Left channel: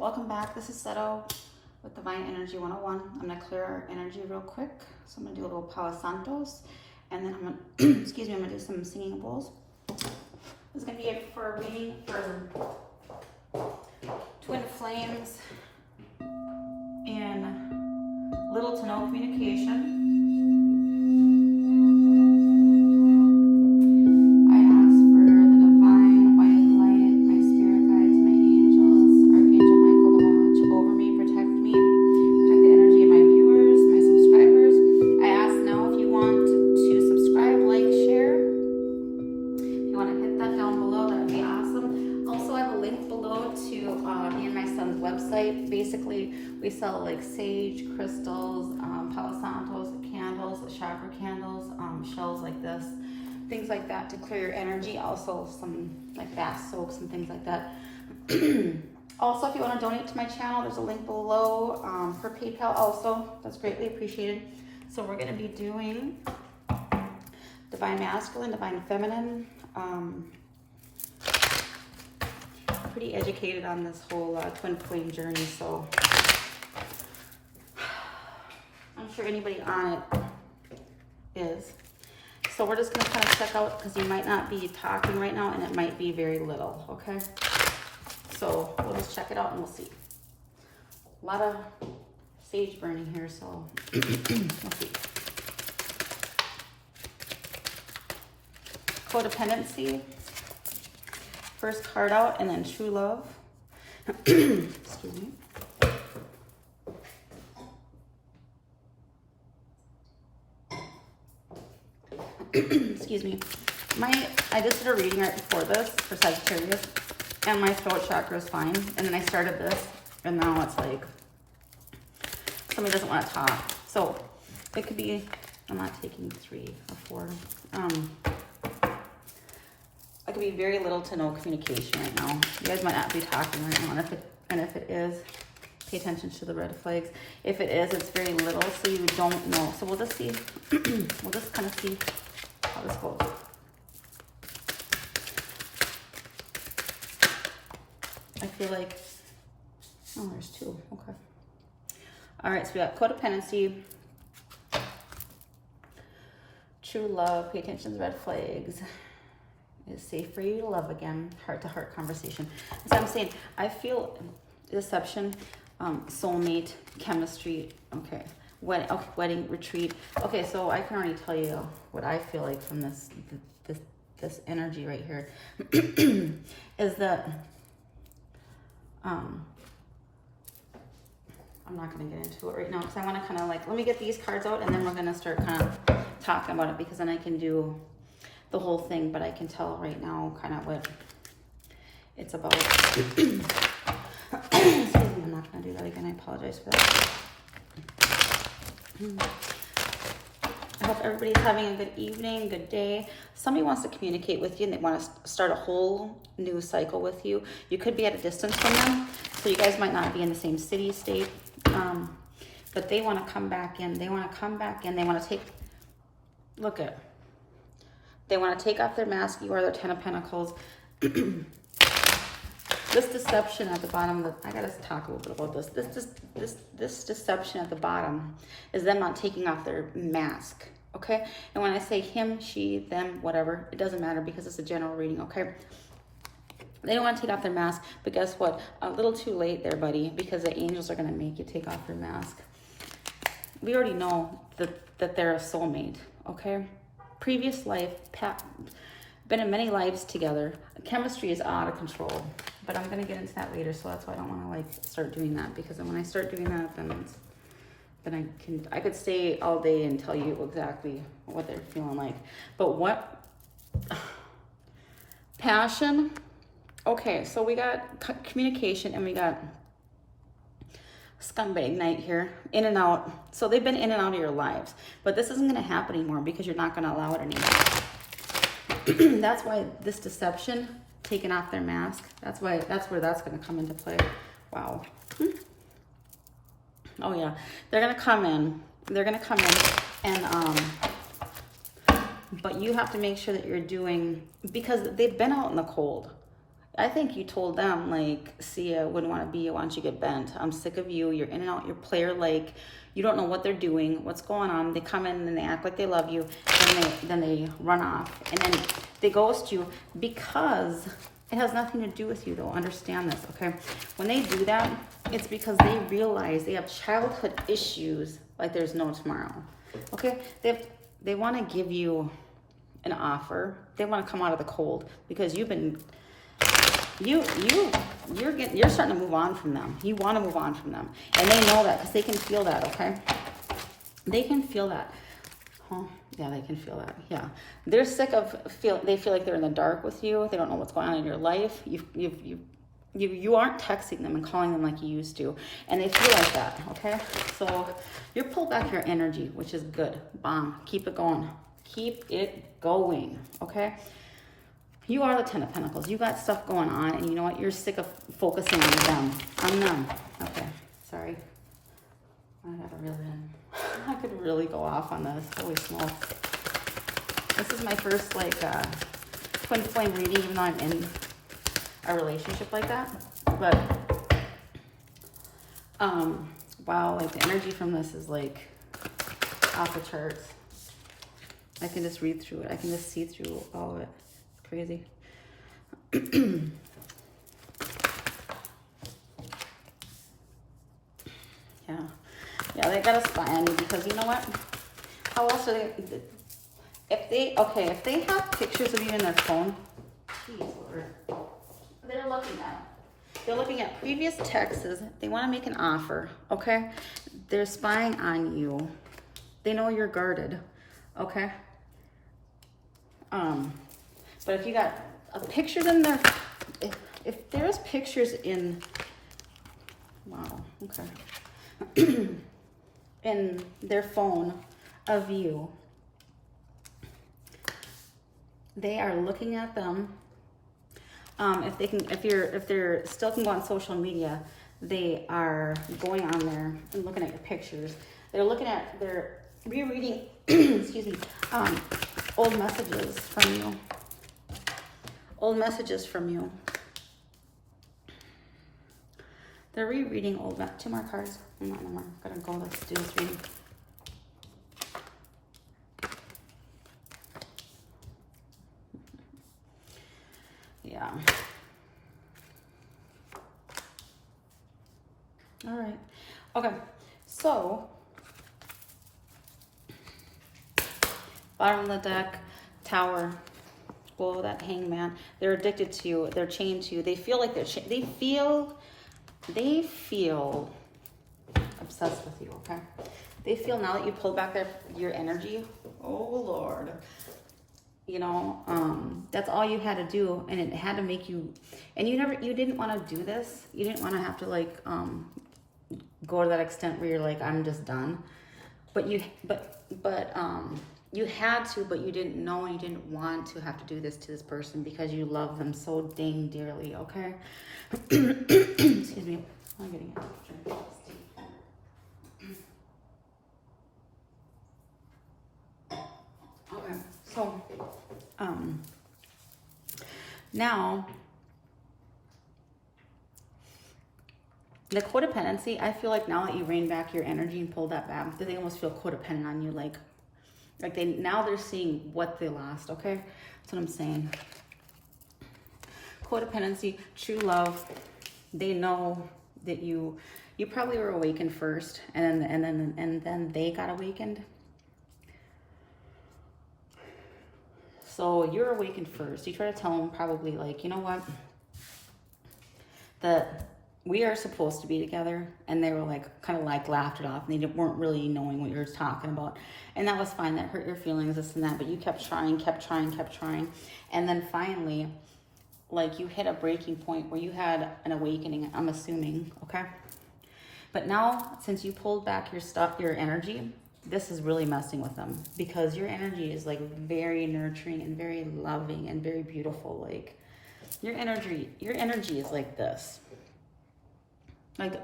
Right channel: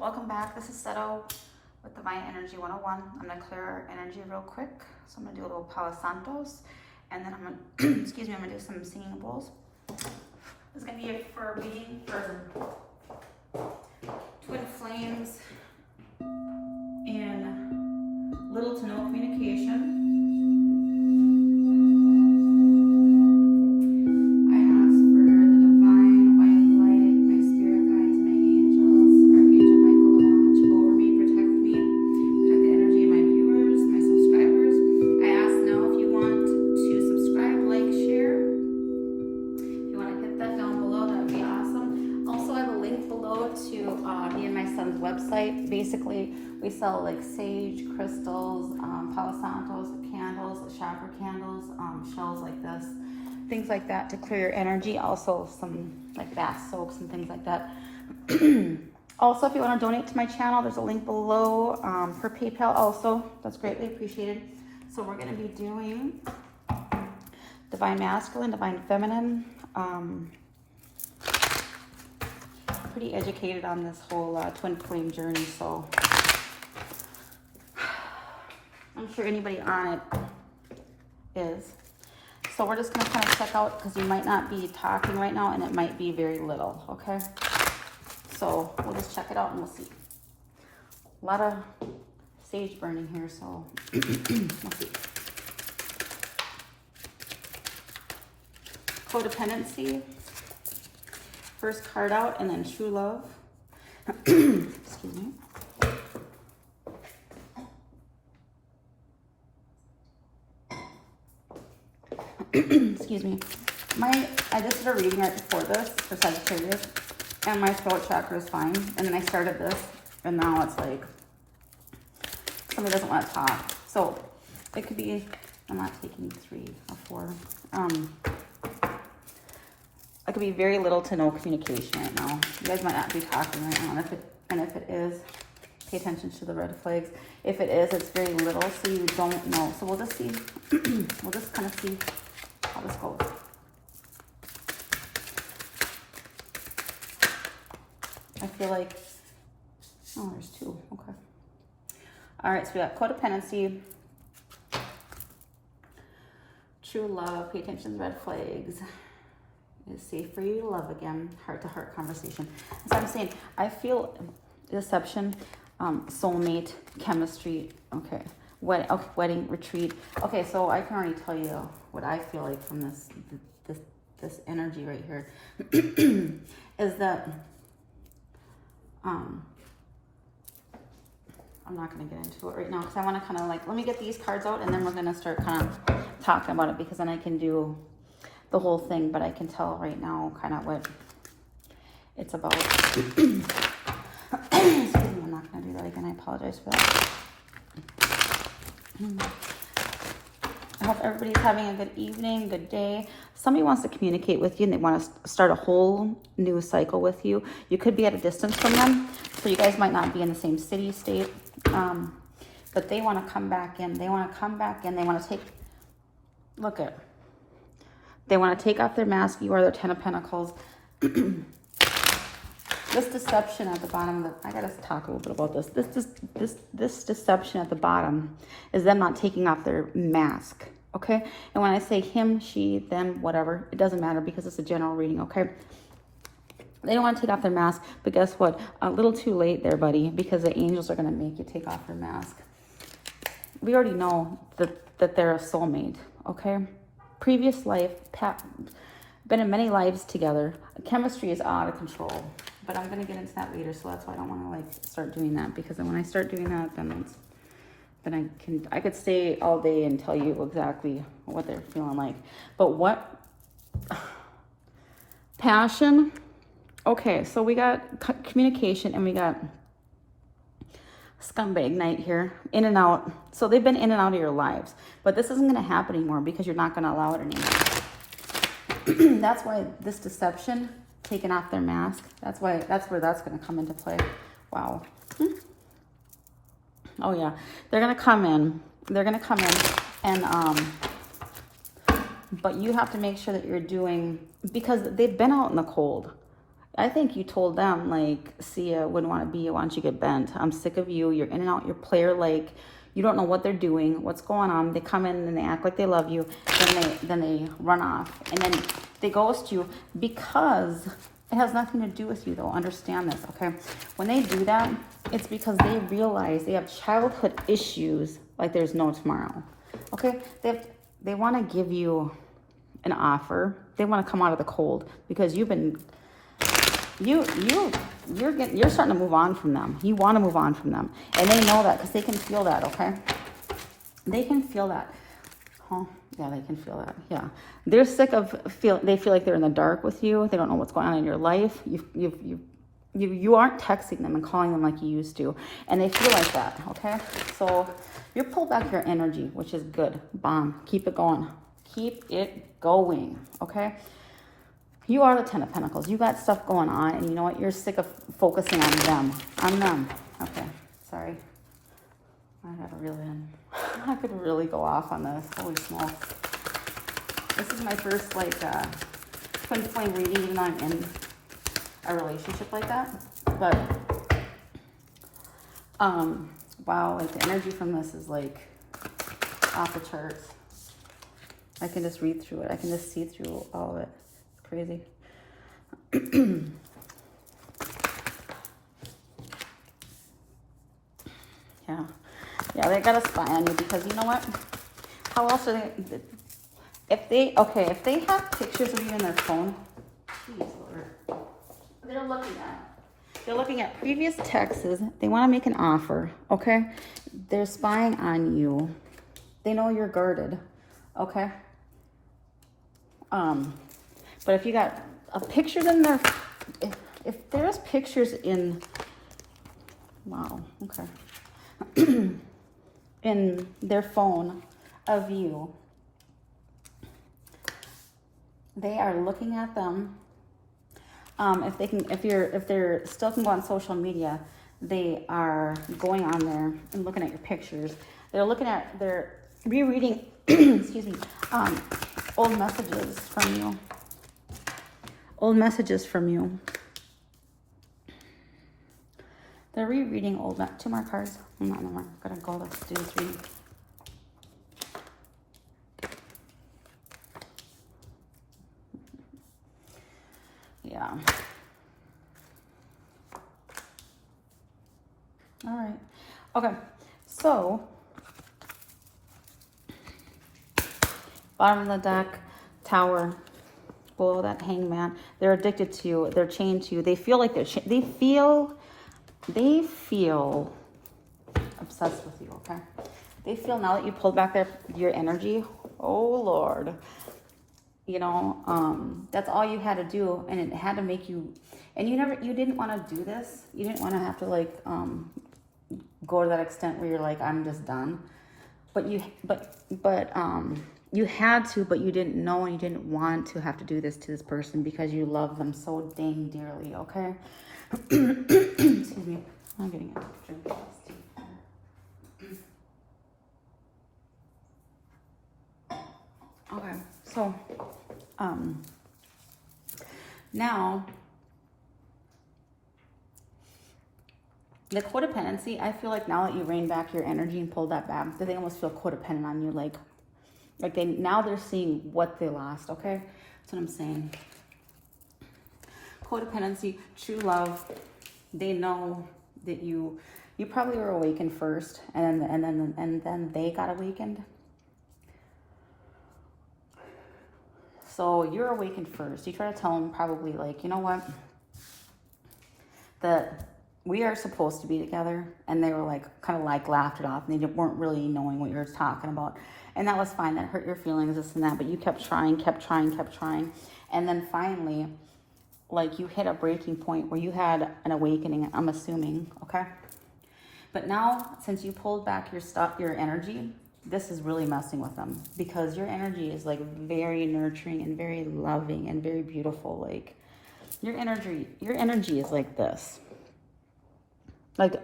Welcome back. This is Seto with Divine Energy 101. I'm going to clear our energy real quick. So I'm going to do a little Palo Santos, and then I'm going to, excuse me, I'm going to do some singing bowls. This is going to be for a reading for twin flames and little to no communication. Basically, we sell like sage, crystals, Palo Santos, candles, chakra candles, shells like this, things like that to clear your energy. Also some like bath soaps and things like that. Also, if you want to donate to my channel, there's a link below for PayPal also. That's greatly appreciated. So we're going to be doing Divine Masculine, Divine Feminine. Pretty educated on this whole twin flame journey, so I'm sure anybody on it is. So we're just going to kind of check out, because you might not be talking right now and it might be very little, okay? So we'll just check it out and we'll see. A lot of sage burning here, so we'll see. Codependency. First card out, and then true love. Excuse me. Excuse me. I just did a reading right before this for Sagittarius, and my throat chakra is fine. And then I started this, and now it's like somebody doesn't want to talk. So it could be, I'm not taking 3 or 4. It could be very little to no communication right now. You guys might not be talking right now, and if it is, pay attention to the red flags. If it is, it's very little, so you don't know. So we'll just see. We'll just kind of see how this goes. I feel like, oh, there's 2. Okay. All right, so we got codependency, true love, pay attention to the red flags. It's safe for you to love again, heart-to-heart conversation. As I'm saying, I feel deception, soulmate, chemistry, okay, wedding retreat. Okay, so I can already tell you what I feel like from this energy right here is that I'm not going to get into it right now because I want to kind of like, let me get these cards out and then we're going to start kind of talking about it, because then I can do the whole thing, but I can tell right now kind of what it's about. Excuse me, I'm not going to do that again. I apologize for that. I hope everybody's having a good evening, good day. Somebody wants to communicate with you and they want to start a whole new cycle with you. You could be at a distance from them, so you guys might not be in the same city, state, but they want to come back in. They want to come back in. They want to take, look at, they want to take off their mask. You are their 10 of Pentacles. This deception at the bottom, I gotta talk a little bit about this. This deception at the bottom is them not taking off their mask, okay? And when I say him, she, them, whatever, it doesn't matter because it's a general reading, okay? They don't want to take off their mask, but guess what? A little too late there, buddy, because the angels are gonna make you take off your mask. We already know that they're a soulmate, okay? Previous life, been in many lives together. Chemistry is out of control, but I'm gonna get into that later, so that's why I don't want to like start doing that, because then when I start doing that, then I could stay all day and tell you exactly what they're feeling like. But what passion? Okay, so we got communication and we got scumbag night here, in and out. So they've been in and out of your lives, but this isn't going to happen anymore because you're not going to allow it anymore. That's why this deception, taking off their mask, that's where that's going to come into play. Wow. Oh yeah, they're going to come in and but you have to make sure that you're doing, because they've been out in the cold. I think you told them, like, see, I wouldn't want to be you. Why don't you get bent? I'm sick of you. You're in and out. You're player like. You don't know what they're doing, what's going on. They come in and they act like they love you. Then they run off. And then they ghost you because it has nothing to do with you, though. Understand this, okay? When they do that, it's because they realize they have childhood issues like there's no tomorrow, okay? They want to give you an offer. They want to come out of the cold because you've been... You're starting to move on from them. You want to move on from them, and they know that because they can feel that. Okay, they can feel that. Oh, yeah, they can feel that. Yeah, they're sick of They feel like they're in the dark with you. They don't know what's going on in your life. You aren't texting them and calling them like you used to, and they feel like that. Okay, so you pull back your energy, which is good. Bomb. Keep it going. Keep it going. Okay. You are the Ten of Pentacles. You got stuff going on, and you know what? You're sick of focusing on them. On them. Okay, sorry. I could really go off on this. Holy smokes. This is my first, like, twin flame reading, even though I'm in a relationship like that. But, wow, like, the energy from this is, like, off the charts. I can just read through it. I can just see through all of it. Crazy. Yeah, they got a spy on you because you know what? How else are they? If they have pictures of you in their phone, geez, Lord, they're looking at previous texts. They want to make an offer. Okay, they're spying on you. They know you're guarded. Okay. But if you got a picture in there, if there's pictures in, wow, okay, in their phone of you, they are looking at them. If they're still can go on social media, they are going on there and looking at your pictures. They're rereading, excuse me, old messages from you. Old messages from you. They're rereading old, two more cards. No more. I'm gonna go, let's do this reading. Yeah. All right. Okay. So, bottom of the deck, Tower. Below that, Hangman. They're addicted to you. They're chained to you. They feel like they feel obsessed with you. Okay. They feel now that you pulled back your energy. Oh Lord. You know, that's all you had to do, and it had to make you. And you didn't want to do this. You didn't want to have to like go to that extent where you're like, I'm just done. But you had to, but you didn't know and you didn't want to have to do this to this person because you love them so dang dearly, okay? Excuse me. I'm getting it. Okay, so, now, the codependency, I feel like now that you rein back your energy and pulled that back, they almost feel codependent on you, like now they're seeing what they lost, okay? That's what I'm saying. Codependency, true love, they know that you probably were awakened first, and then they got awakened. So you're awakened first. You try to tell them probably like, you know what? That we are supposed to be together, and they were like kind of like laughed it off, and they weren't really knowing what you were talking about, and that was fine. That hurt your feelings, this and that, but you kept trying, and then finally, like, you hit a breaking point where you had an awakening, I'm assuming, okay? But now, since you pulled back your energy, this is really messing with them, because your energy is like very nurturing and very loving and very beautiful. Like your energy is like this. Like,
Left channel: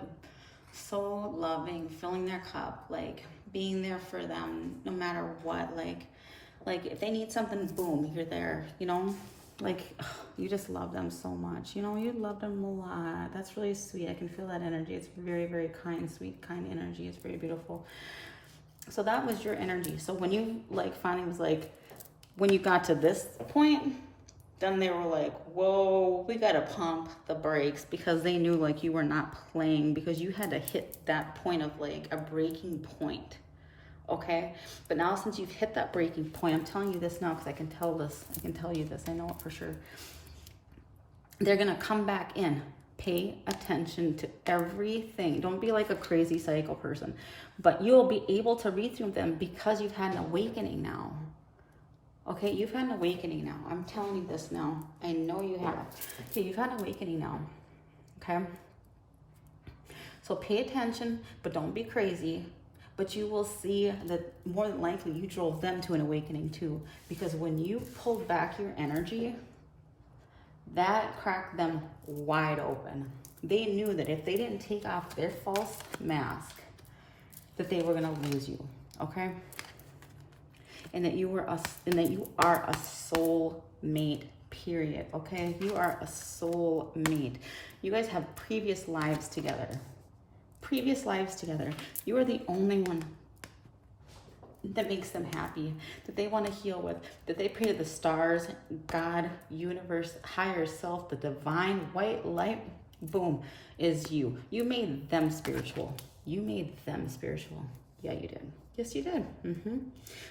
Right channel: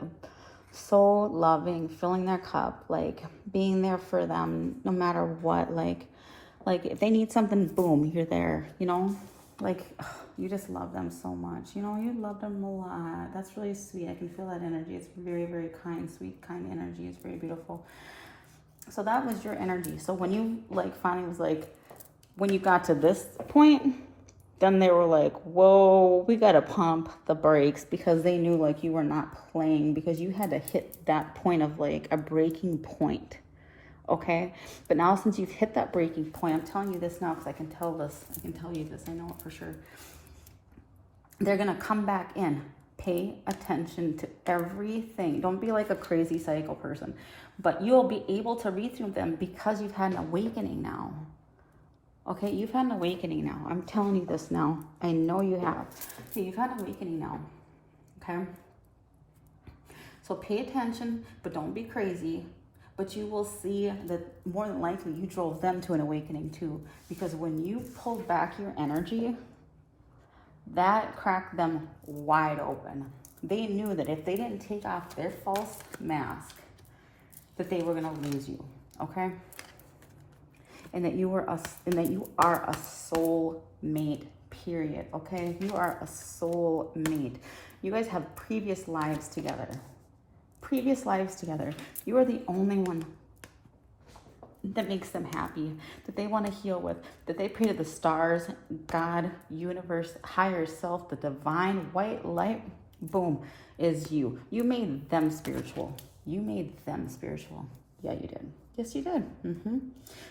so loving, filling their cup, like being there for them no matter what. Like if they need something, boom, you're there, you know? like, ugh, you just love them so much. You know, you love them a lot. That's really sweet. I can feel that energy. It's very, very kind, sweet, kind energy. It's very beautiful. So that was your energy. So when you like finally was like, when you got to this point, then they were like, whoa, we got to pump the brakes, because they knew like you were not playing, because you had to hit that point of like a breaking point. Okay. But now since you've hit that breaking point, I'm telling you this now because I can tell this. I can tell you this. I know it for sure. They're going to come back in. Pay attention to everything. Don't be like a crazy psycho person, but you'll be able to read through them because you've had an awakening now. Okay, you've had an awakening now. I'm telling you this now. I know you have. Okay, you've had an awakening now. Okay? So pay attention, but don't be crazy. But you will see that more than likely you drove them to an awakening too. Because when you pulled back your energy, that cracked them wide open. They knew that if they didn't take off their false mask, that they were going to lose you. Okay? And that you are a soul mate, period. Okay? You are a soul mate. You guys have previous lives together. Previous lives together. You are the only one that makes them happy, that they want to heal with, that they pray to the stars, God, universe, higher self, the divine white light, boom, is you. You made them spiritual. You made them spiritual. Yeah, you did. Yes, you did.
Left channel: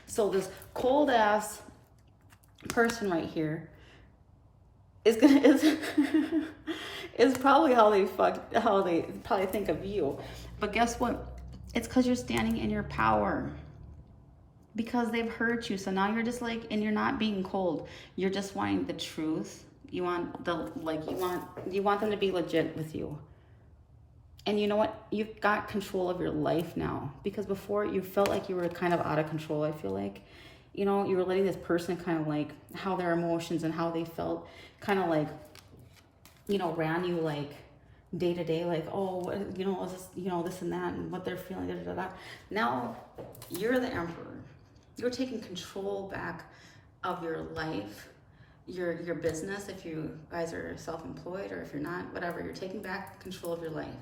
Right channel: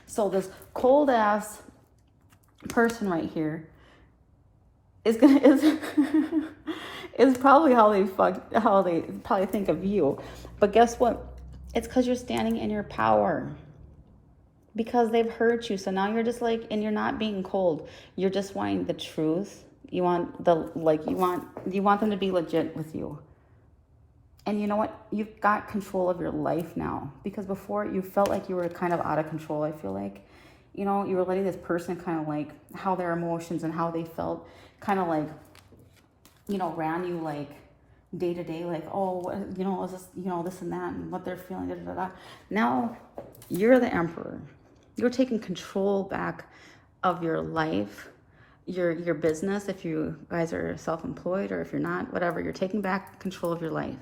So this cold ass person right here is probably how they probably think of you. But guess what? It's because you're standing in your power. Because they've hurt you. So now you're just like, and you're not being cold. You're just wanting the truth. You want you want them to be legit with you. And you know what? You've got control of your life now. Because before you felt like you were kind of out of control, I feel like. You know, you were letting this person kind of like how their emotions and how they felt kind of like, you know, ran you like day to day, like, oh, you know, this, you know, this and that and what they're feeling. Da, da, da, da. Now you're the emperor. You're taking control back of your life, your business. If you guys are self-employed or if you're not, whatever, you're taking back control of your life.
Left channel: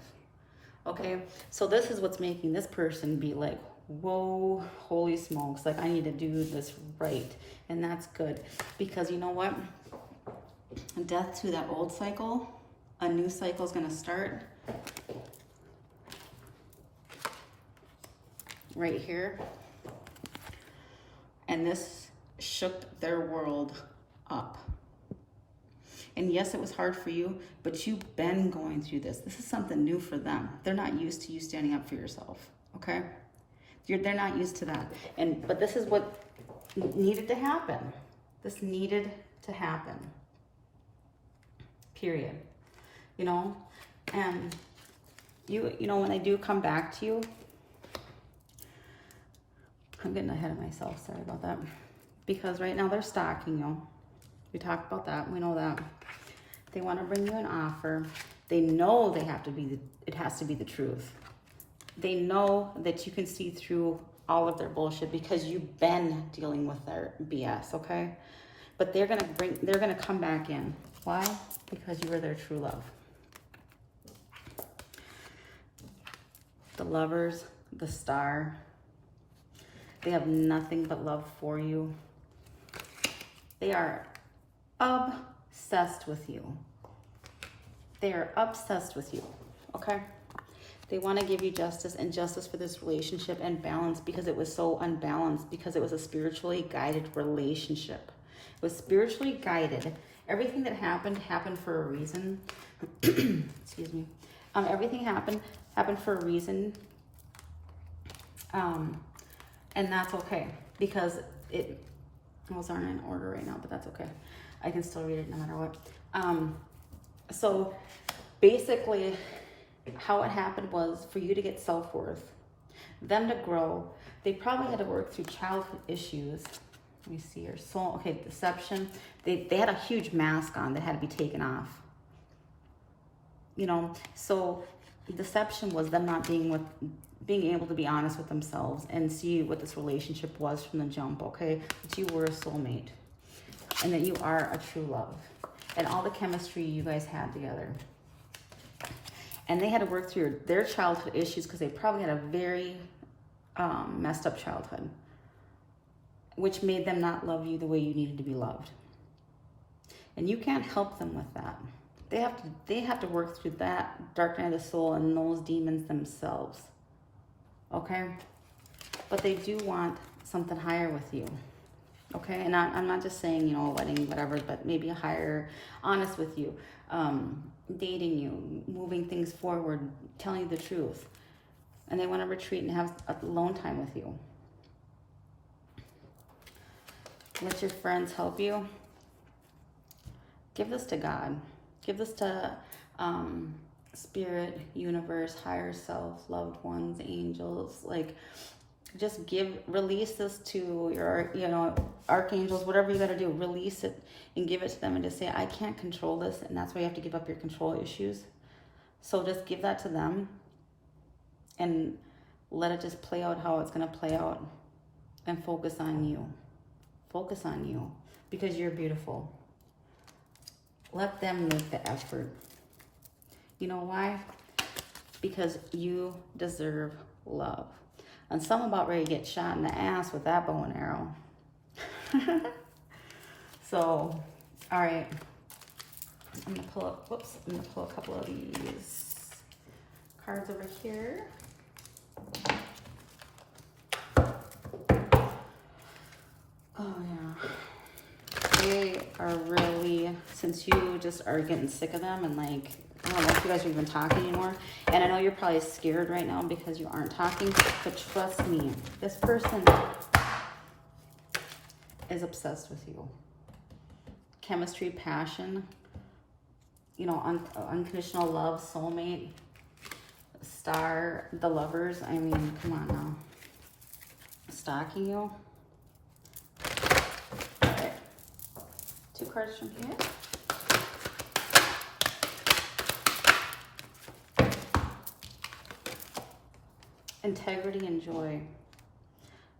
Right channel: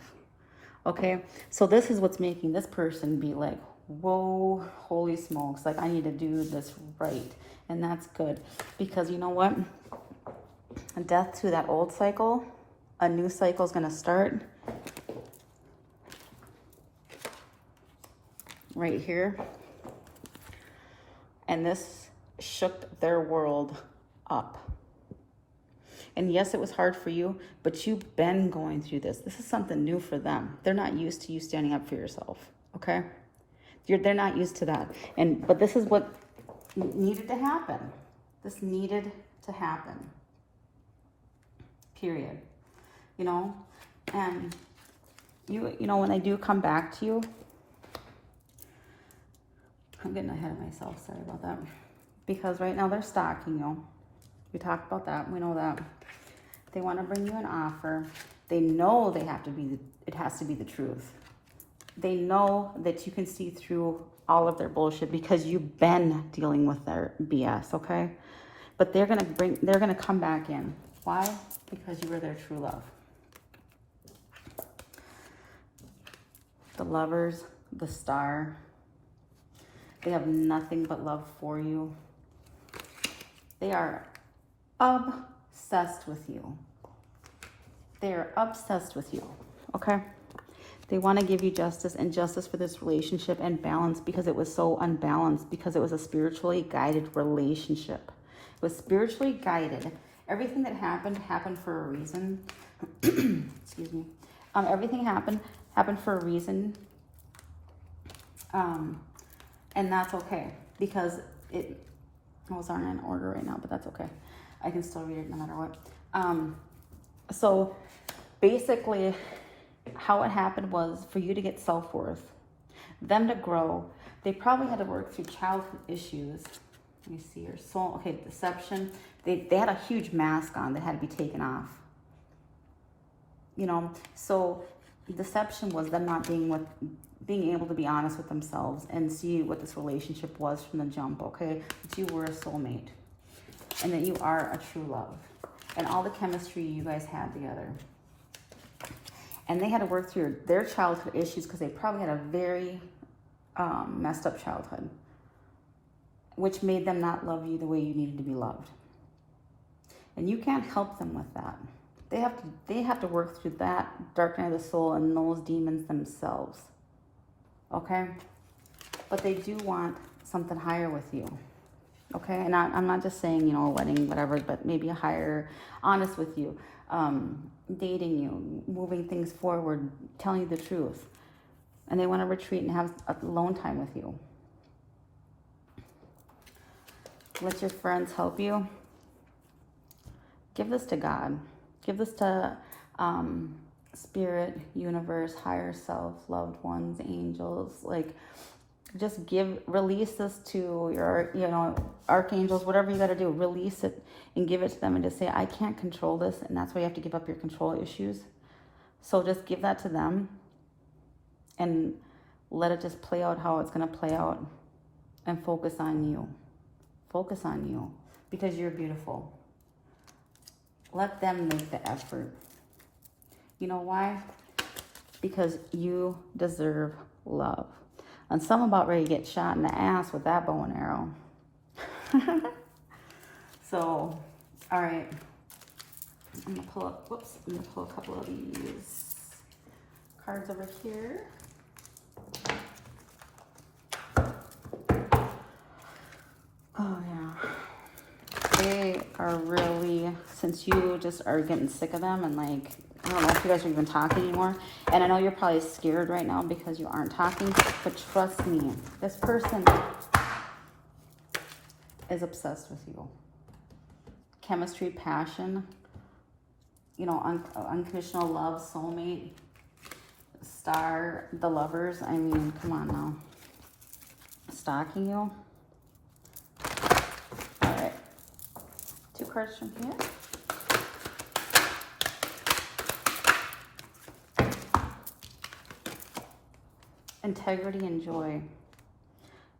Okay, so this is what's making this person be like, whoa, holy smokes, like I need to do this right. And that's good, because you know what? Death to that old cycle, a new cycle is going to start right here. And this shook their world up. And yes, it was hard for you, but you've been going through this. This is something new for them. They're not used to you standing up for yourself, okay? They're not used to that. But this is what needed to happen. This needed to happen. Period. You know? And you know, when they do come back to you, I'm getting ahead of myself, sorry about that. Because right now they're stalking you. We talked about that, we know that. They want to bring you an offer. They know it has to be the truth. They know that you can see through all of their bullshit because you've been dealing with their BS, okay? But they're gonna come back in. Why? Because you were their true love. The Lovers, the Star, they have nothing but love for you. They are obsessed with you. They are obsessed with you, okay? They want to give you justice and justice for this relationship and balance, because it was so unbalanced, because it was a spiritually guided relationship. It was spiritually guided. Everything that happened for a reason. Excuse me. Everything happened for a reason. And that's okay, because those aren't in order right now, but that's okay. I can still read it no matter what. So basically how it happened was for you to get self-worth, them to grow. They probably had to work through childhood issues. Let me see your soul. Okay, deception. They had a huge mask on that had to be taken off. You know, so deception was them not being able to be honest with themselves and see what this relationship was from the jump, okay? But you were a soulmate. and that you are a true love. And all the chemistry you guys had together. And they had to work through their childhood issues because they probably had a very messed up childhood, which made them not love you the way you needed to be loved. And you can't help them with that. They have to work through that dark night of the soul and those demons themselves. Okay? But they do want something higher with you. Okay? And I'm not just saying, you know, a wedding, whatever, but maybe a higher, honest with you, dating you, moving things forward, telling you the truth. And they want to retreat and have alone time with you. Let your friends help you. Give this to God. Give this to spirit, universe, higher self, loved ones, angels. Like, just release this to your, you know, archangels, whatever you got to do. Release it and give it to them and just say, I can't control this. And that's why you have to give up your control issues. So just give that to them and let it just play out how it's going to play out, and focus on you. Focus on you, because you're beautiful. Let them make the effort. You know why? Because you deserve love. And some about ready to get shot in the ass with that bow and arrow. So, all right. I'm gonna pull up, whoops, I'm gonna pull a couple of these cards over here. Oh yeah. They are really, since you just are getting sick of them, and like, I don't know if you guys are even talking anymore. And I know you're probably scared right now because you aren't talking, but trust me, this person is obsessed with you. Chemistry, passion, you know, unconditional love, soulmate, star, the lovers. I mean, come on now. Stalking you. All right. 2 cards from here. Integrity and joy.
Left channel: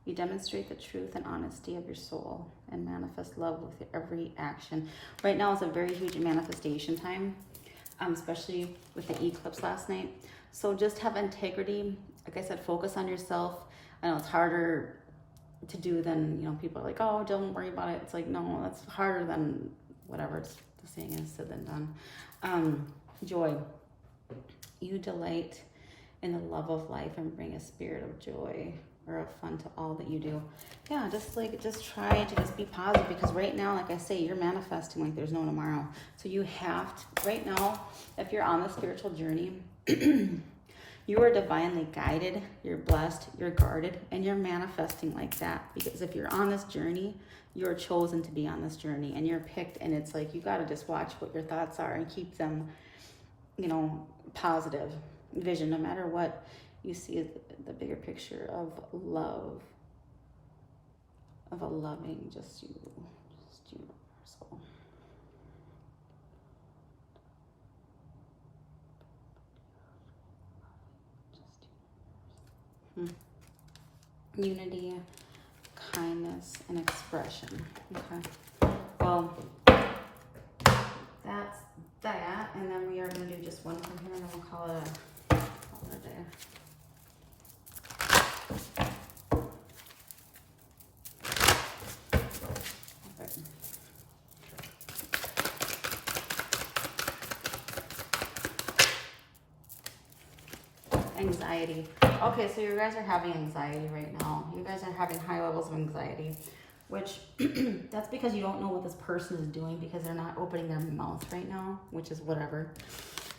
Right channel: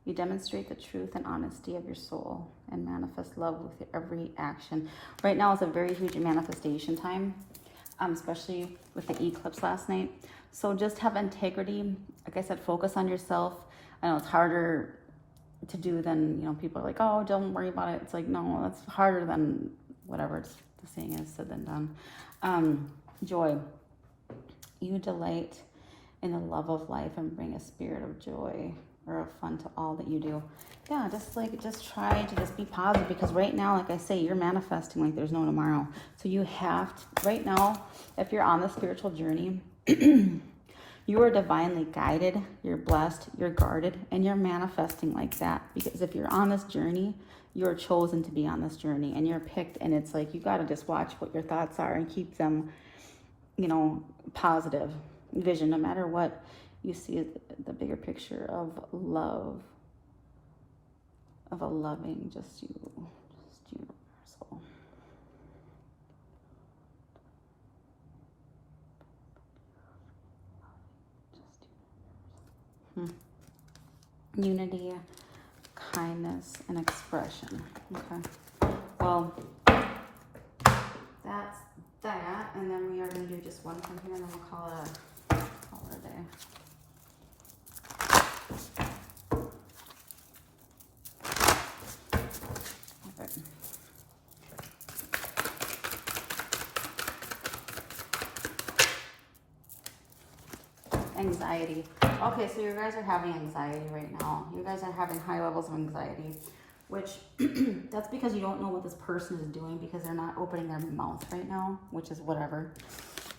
You demonstrate the truth and honesty of your soul and manifest love with every action. Right now is a very huge manifestation time, especially with the eclipse last night. So just have integrity. Like I said, focus on yourself. I know it's harder to do than, you know, people are like, oh, don't worry about it. It's like, no, that's harder than whatever the saying is, said than done. Joy. You delight in the love of life and bring a spirit of joy or of fun to all that you do. Yeah, just try to just be positive, because right now, like I say, you're manifesting like there's no tomorrow. So you have to, right now, if you're on the spiritual journey, you are divinely guided, you're blessed, you're guarded, and you're manifesting like that. Because if you're on this journey, you're chosen to be on this journey, and you're picked, and it's like you got to just watch what your thoughts are and keep them, you know, positive vision, no matter what. You see the bigger picture of love, of a loving, just universal. Unity, kindness, and expression. Okay. Well, that's that, and then we are going to do just one from here, and then we'll call it a day. Anxiety. Okay, so you guys are having anxiety right now. You guys are having high levels of anxiety, which that's because you don't know what this person is doing, because they're not opening their mouth right now, which is whatever.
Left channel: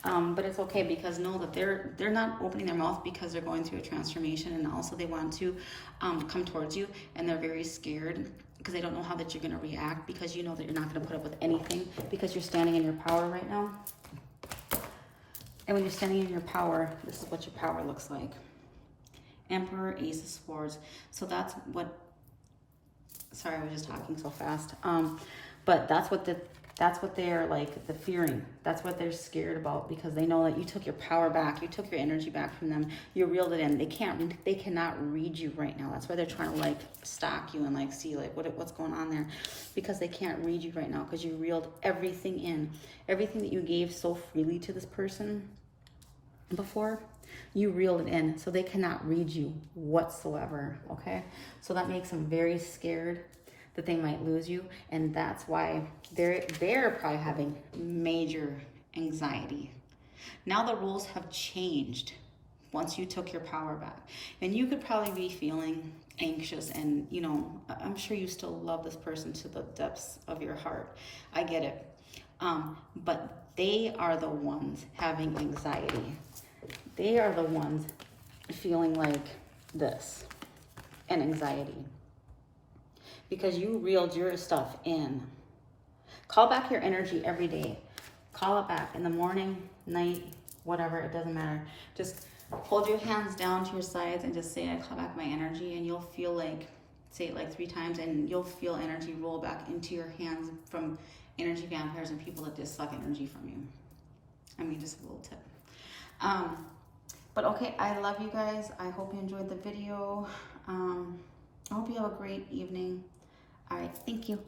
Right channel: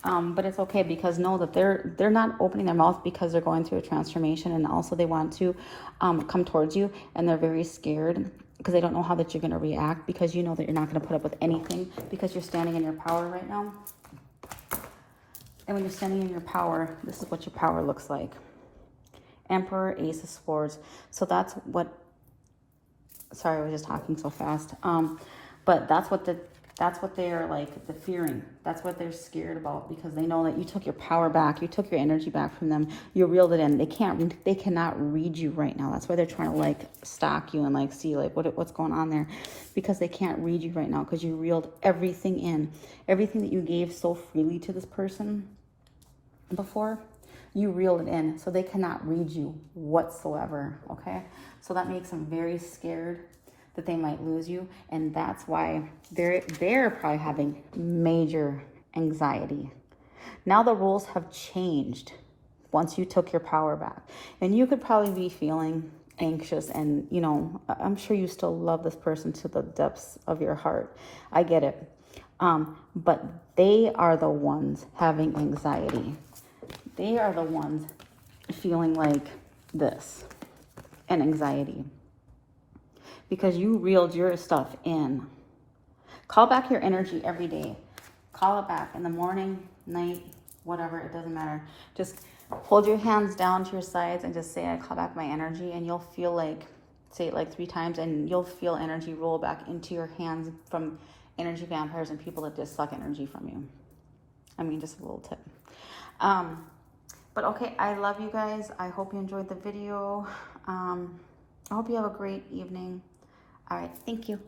But it's okay, because know that they're not opening their mouth because they're going through a transformation, and also they want to come towards you, and they're very scared because they don't know how that you're going to react, because you know that you're not going to put up with anything, because you're standing in your power right now. And when you're standing in your power, this is what your power looks like. Emperor, Ace of Swords. So that's what, sorry, I was just talking so fast. But that's what That's what they are like, the fearing. That's what they're scared about, because they know that you took your power back, you took your energy back from them, you reeled it in. They cannot read you right now. That's why they're trying to like stalk you and like see like what's going on there, because they can't read you right now, because you reeled everything in. Everything that you gave so freely to this person before, you reeled it in, so they cannot read you whatsoever. Okay, so that makes them very scared that they might lose you, and that's why they're probably having major anxiety. Now the rules have changed once you took your power back, and you could probably be feeling anxious, and you know, I'm sure you still love this person to the depths of your heart. I get it, but they are the ones having anxiety. They are the ones feeling like this and anxiety, because you reeled your stuff in. Call back your energy every day. Call it back in the morning, night, whatever, it doesn't matter. Just hold your hands down to your sides and just say, I call back my energy, and you'll feel like, say it like 3 times, and you'll feel energy roll back into your hands from energy vampires and people that just suck energy from you. I mean, just a little tip. But okay, I love you guys. I hope you enjoyed the video. I hope you have a great evening. All right, thank you.